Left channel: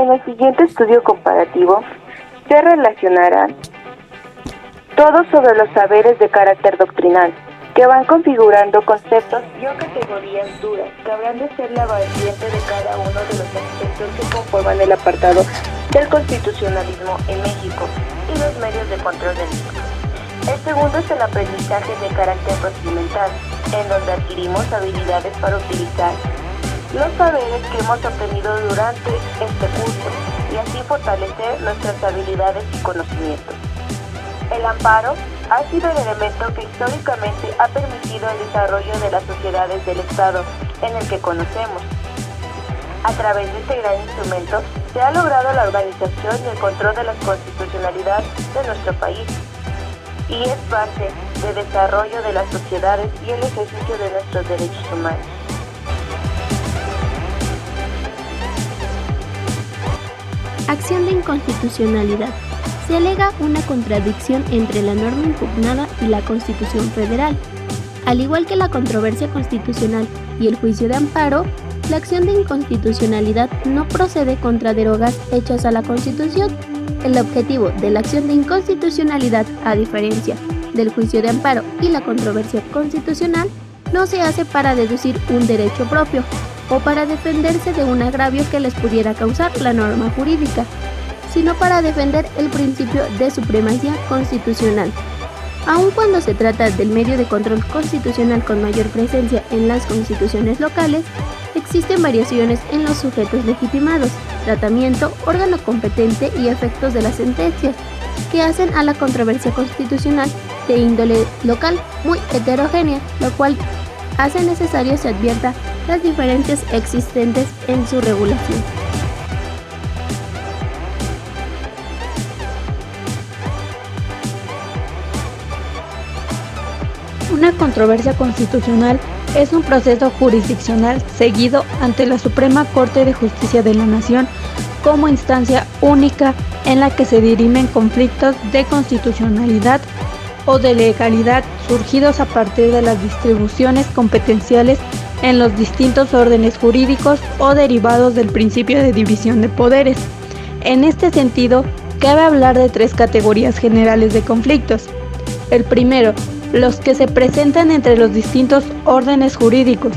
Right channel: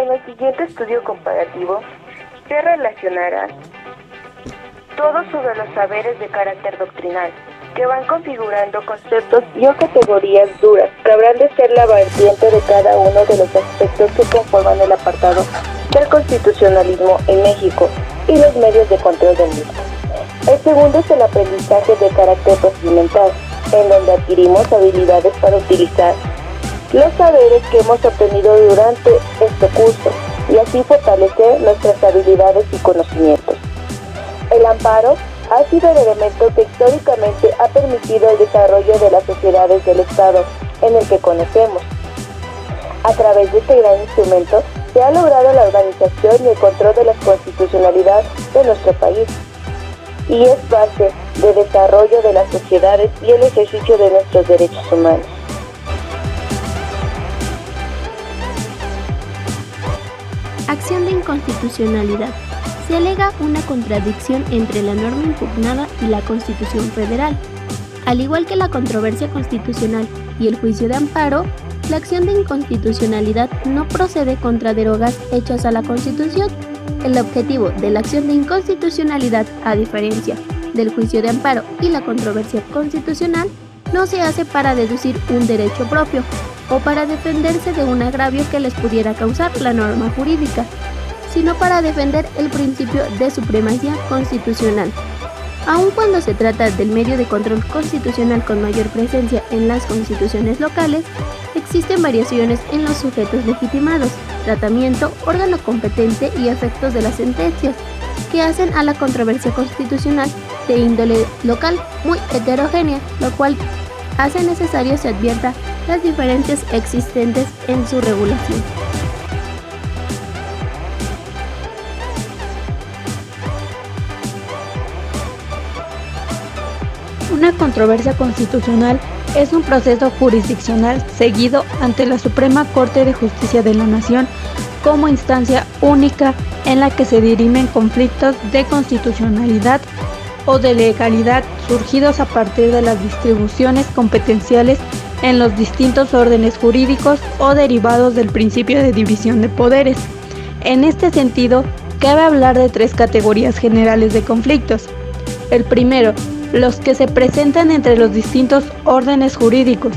En el siguiente estudio comparativo se relacionarán todo sobre los saberes de carácter doctrinal, que van configurando conceptos y o categorías duras que habrán de ser la vertiente de cada uno de los aspectos que conforman el apartado del constitucionalismo en México y los medios de control del mismo. El segundo es el aprendizaje de carácter procedimental, en donde adquirimos habilidades para utilizar los saberes que hemos obtenido durante este curso y así fortalecer nuestras habilidades y conocimientos. El amparo ha sido el elemento que históricamente ha permitido el desarrollo de las sociedades del Estado en el que conocemos. A través de este gran instrumento se ha logrado la organización y el control de la constitucionalidad de nuestro país, y es base de desarrollo de las sociedades y el ejercicio de nuestros derechos humanos. Acción de inconstitucionalidad. Se alega una contradicción entre la norma impugnada y la Constitución Federal. Al igual que la controversia constitucional y el juicio de amparo, la acción de inconstitucionalidad no procede contra derogas hechas a la Constitución. El objetivo de la acción de inconstitucionalidad, a diferencia del juicio de amparo y la controversia constitucional, no se hace para deducir un derecho propio o para defenderse de un agravio que les pudiera causar la norma jurídica, sino para defender el principio de supremacía constitucional. Aun cuando se trata del medio de control constitucional con mayor presencia en las constituciones locales, existen variaciones en los sujetos legitimados, tratamiento, órgano competente y efectos de las sentencias, que hacen a la controversia constitucional de índole local muy heterogénea, lo cual hace necesario se advierta las diferencias existentes en su regulación. Una controversia constitucional es un proceso jurisdiccional seguido ante la Suprema Corte de Justicia de la Nación como instancia única en la que se dirimen conflictos de constitucionalidad o de legalidad surgidos a partir de las distribuciones competenciales en los distintos órdenes jurídicos o derivados del principio de división de poderes. En este sentido, cabe hablar de tres categorías generales de conflictos. El primero, los que se presentan entre los distintos órdenes jurídicos,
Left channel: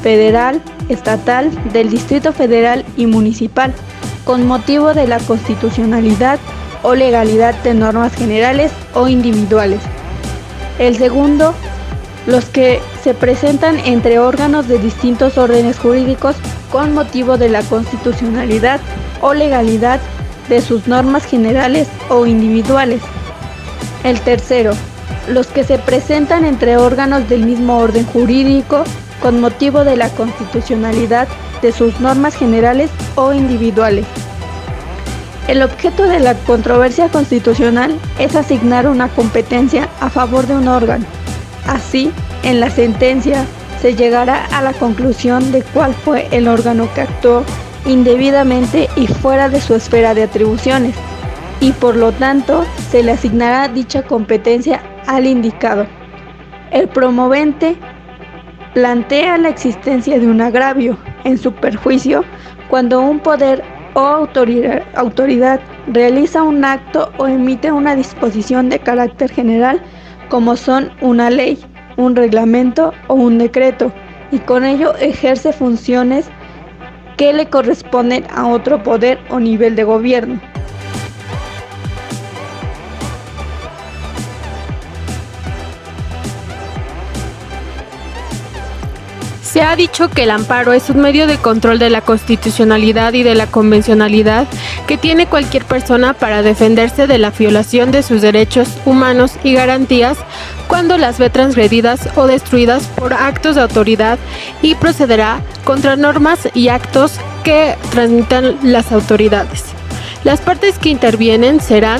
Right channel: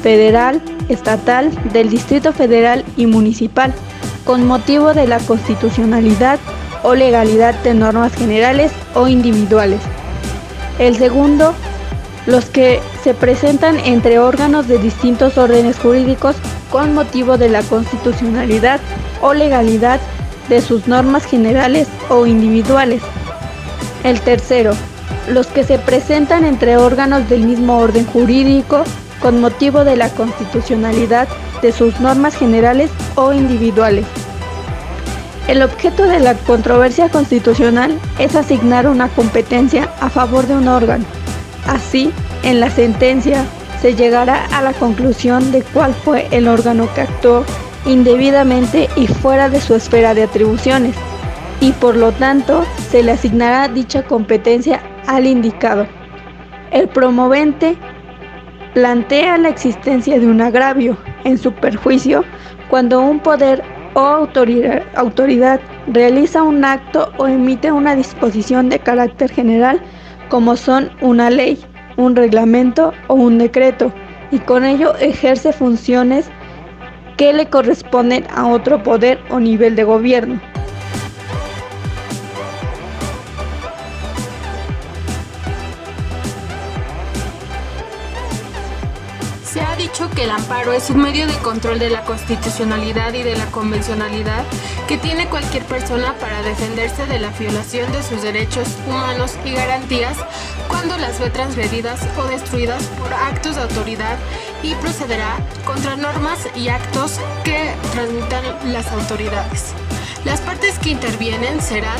federal, estatal, del Distrito Federal y municipal, con motivo de la constitucionalidad o legalidad de normas generales o individuales. El segundo, los que se presentan entre órganos de distintos órdenes jurídicos con motivo de la constitucionalidad o legalidad de sus normas generales o individuales. El tercero, los que se presentan entre órganos del mismo orden jurídico con motivo de la constitucionalidad de sus normas generales o individuales. El objeto de la controversia constitucional es asignar una competencia a favor de un órgano. Así, en la sentencia se llegará a la conclusión de cuál fue el órgano que actuó indebidamente y fuera de su esfera de atribuciones, y por lo tanto se le asignará dicha competencia al indicado. El promovente plantea la existencia de un agravio en su perjuicio cuando un poder o autoridad realiza un acto o emite una disposición de carácter general, como son una ley, un reglamento o un decreto, y con ello ejerce funciones que le corresponden a otro poder o nivel de gobierno. Se ha dicho que el amparo es un medio de control de la constitucionalidad y de la convencionalidad que tiene cualquier persona para defenderse de la violación de sus derechos humanos y garantías cuando las ve transgredidas o destruidas por actos de autoridad, y procederá contra normas y actos que transmitan las autoridades. Las partes que intervienen serán,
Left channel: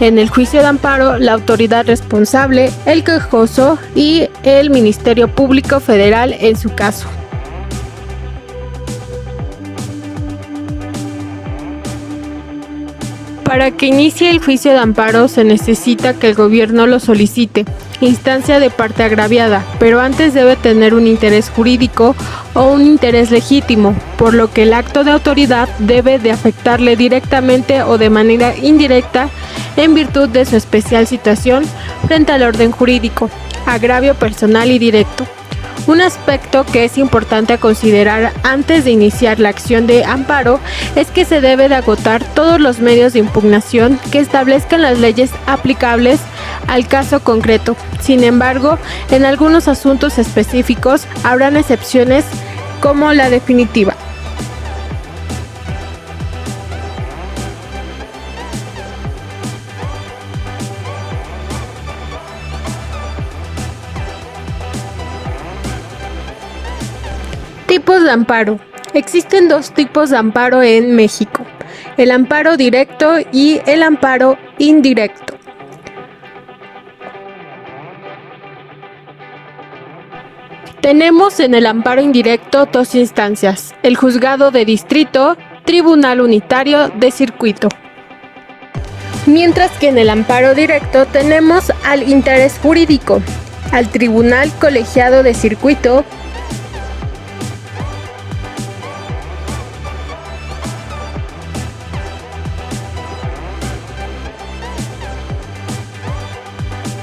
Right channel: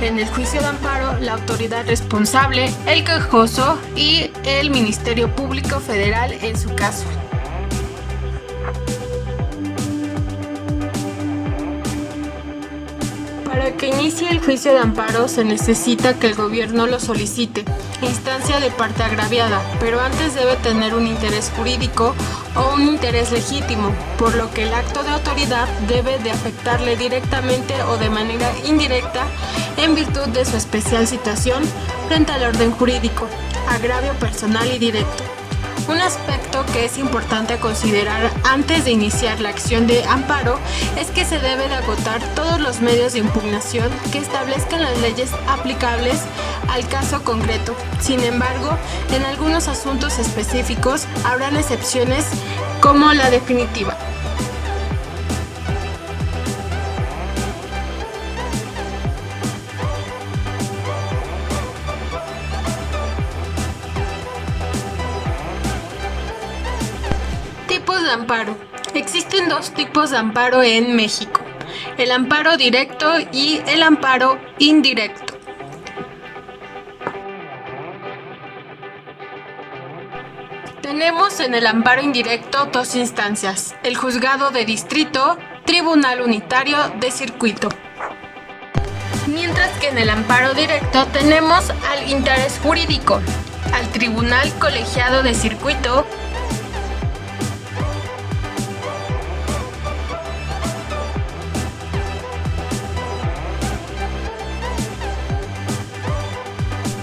en el juicio de amparo, la autoridad responsable, el quejoso y el Ministerio Público Federal en su caso. Para que inicie el juicio de amparo se necesita que el gobierno lo solicite, instancia de parte agraviada, pero antes debe tener un interés jurídico o un interés legítimo, por lo que el acto de autoridad debe de afectarle directamente o de manera indirecta en virtud de su especial situación frente al orden jurídico, agravio personal y directo. Un aspecto que es importante a considerar antes de iniciar la acción de amparo es que se debe de agotar todos los medios de impugnación que establezcan las leyes aplicables al caso concreto. Sin embargo, en algunos asuntos específicos habrán excepciones como la definitiva. Tipos de amparo. Existen dos tipos de amparo en México: el amparo directo y el amparo indirecto. Tenemos en el amparo indirecto dos instancias: el juzgado de distrito, tribunal unitario de circuito. Mientras que en el amparo directo tenemos al interés jurídico, al tribunal colegiado de circuito,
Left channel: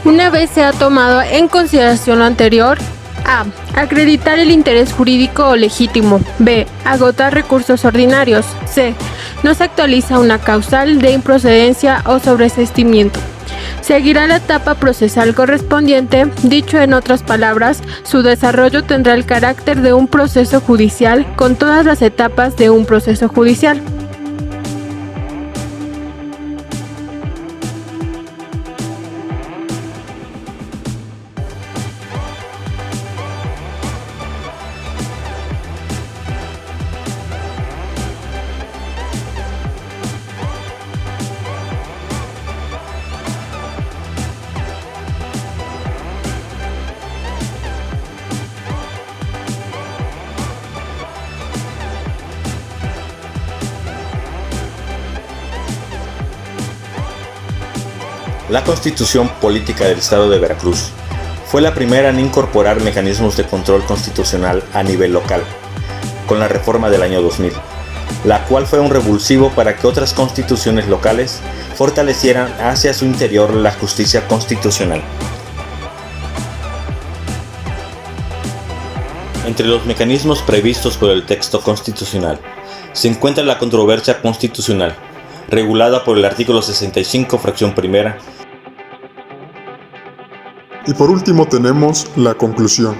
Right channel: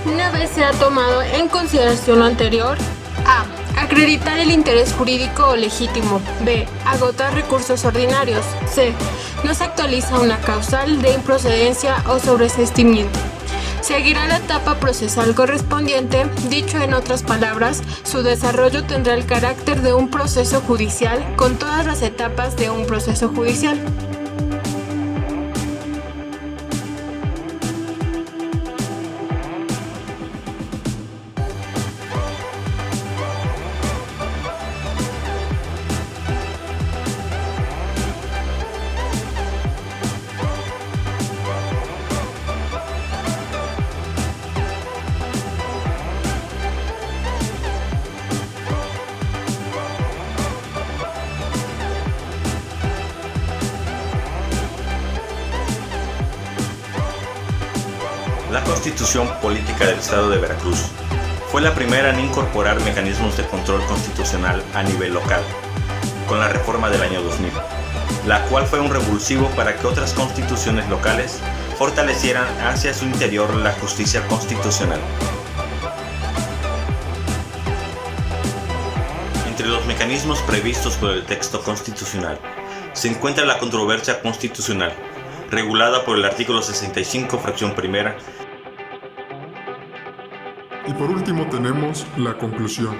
una vez se ha tomado en consideración lo anterior: a. Acreditar el interés jurídico o legítimo. B. Agotar recursos ordinarios. C. No se actualiza una causal de improcedencia o sobreseimiento. Seguirá la etapa procesal correspondiente. Dicho en otras palabras, su desarrollo tendrá el carácter de un proceso judicial con todas las etapas de un proceso judicial. La Constitución Política del Estado de Veracruz fue la primera en incorporar mecanismos de control constitucional a nivel local, con la reforma del año 2000, la cual fue un revulsivo para que otras constituciones locales fortalecieran hacia su interior la justicia constitucional. Entre los mecanismos previstos por el texto constitucional se encuentra la controversia constitucional, regulada por el artículo 65, fracción primera. Y por último tenemos la conclusión.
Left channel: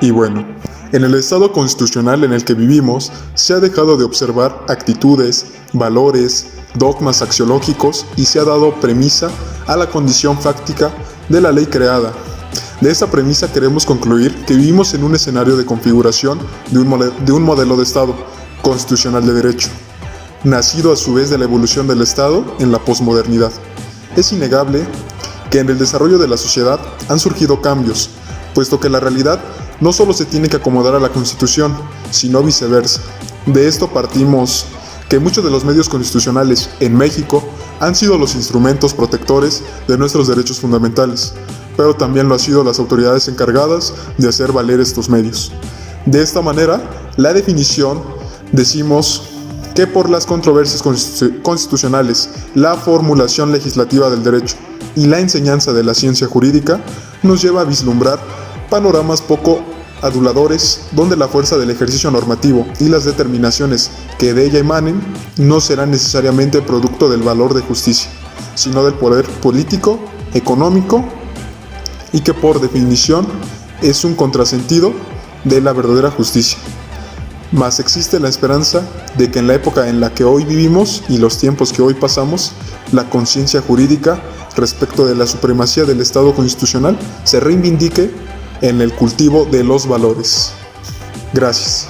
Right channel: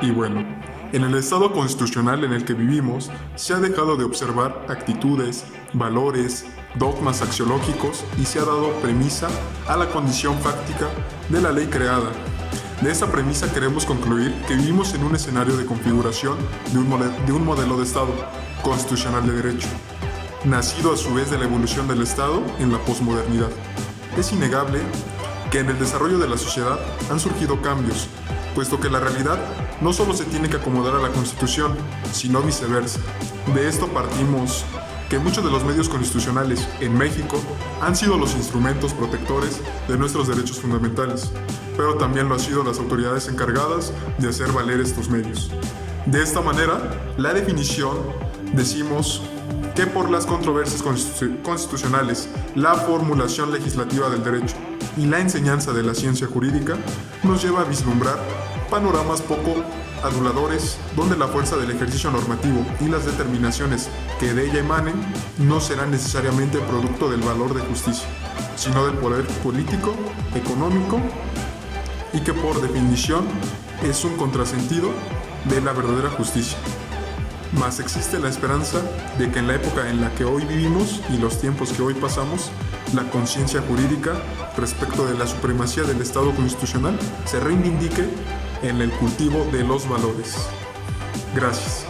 Y bueno, en el estado constitucional en el que vivimos se ha dejado de observar actitudes, valores, dogmas axiológicos y se ha dado premisa a la condición fáctica de la ley creada. De esa premisa queremos concluir que vivimos en un escenario de configuración de un modelo de Estado constitucional de derecho, nacido a su vez de la evolución del Estado en la posmodernidad. Es innegable que en el desarrollo de la sociedad han surgido cambios, puesto que la realidad no solo se tiene que acomodar a la Constitución, sino viceversa. De esto partimos que muchos de los medios constitucionales en México han sido los instrumentos protectores de nuestros derechos fundamentales, pero también lo han sido las autoridades encargadas de hacer valer estos medios. De esta manera, la definición decimos que por las controversias constitucionales, la formulación legislativa del derecho y la enseñanza de la ciencia jurídica nos lleva a vislumbrar panoramas poco aduladores donde la fuerza del ejercicio normativo y las determinaciones que de ella emanen no serán necesariamente producto del valor de justicia, sino del poder político, económico y que por definición es un contrasentido de la verdadera justicia. Mas existe la esperanza de que en la época en la que hoy vivimos y los tiempos que hoy pasamos, la conciencia jurídica respecto de la supremacía del Estado constitucional se reivindique en el cultivo de los valores. Gracias.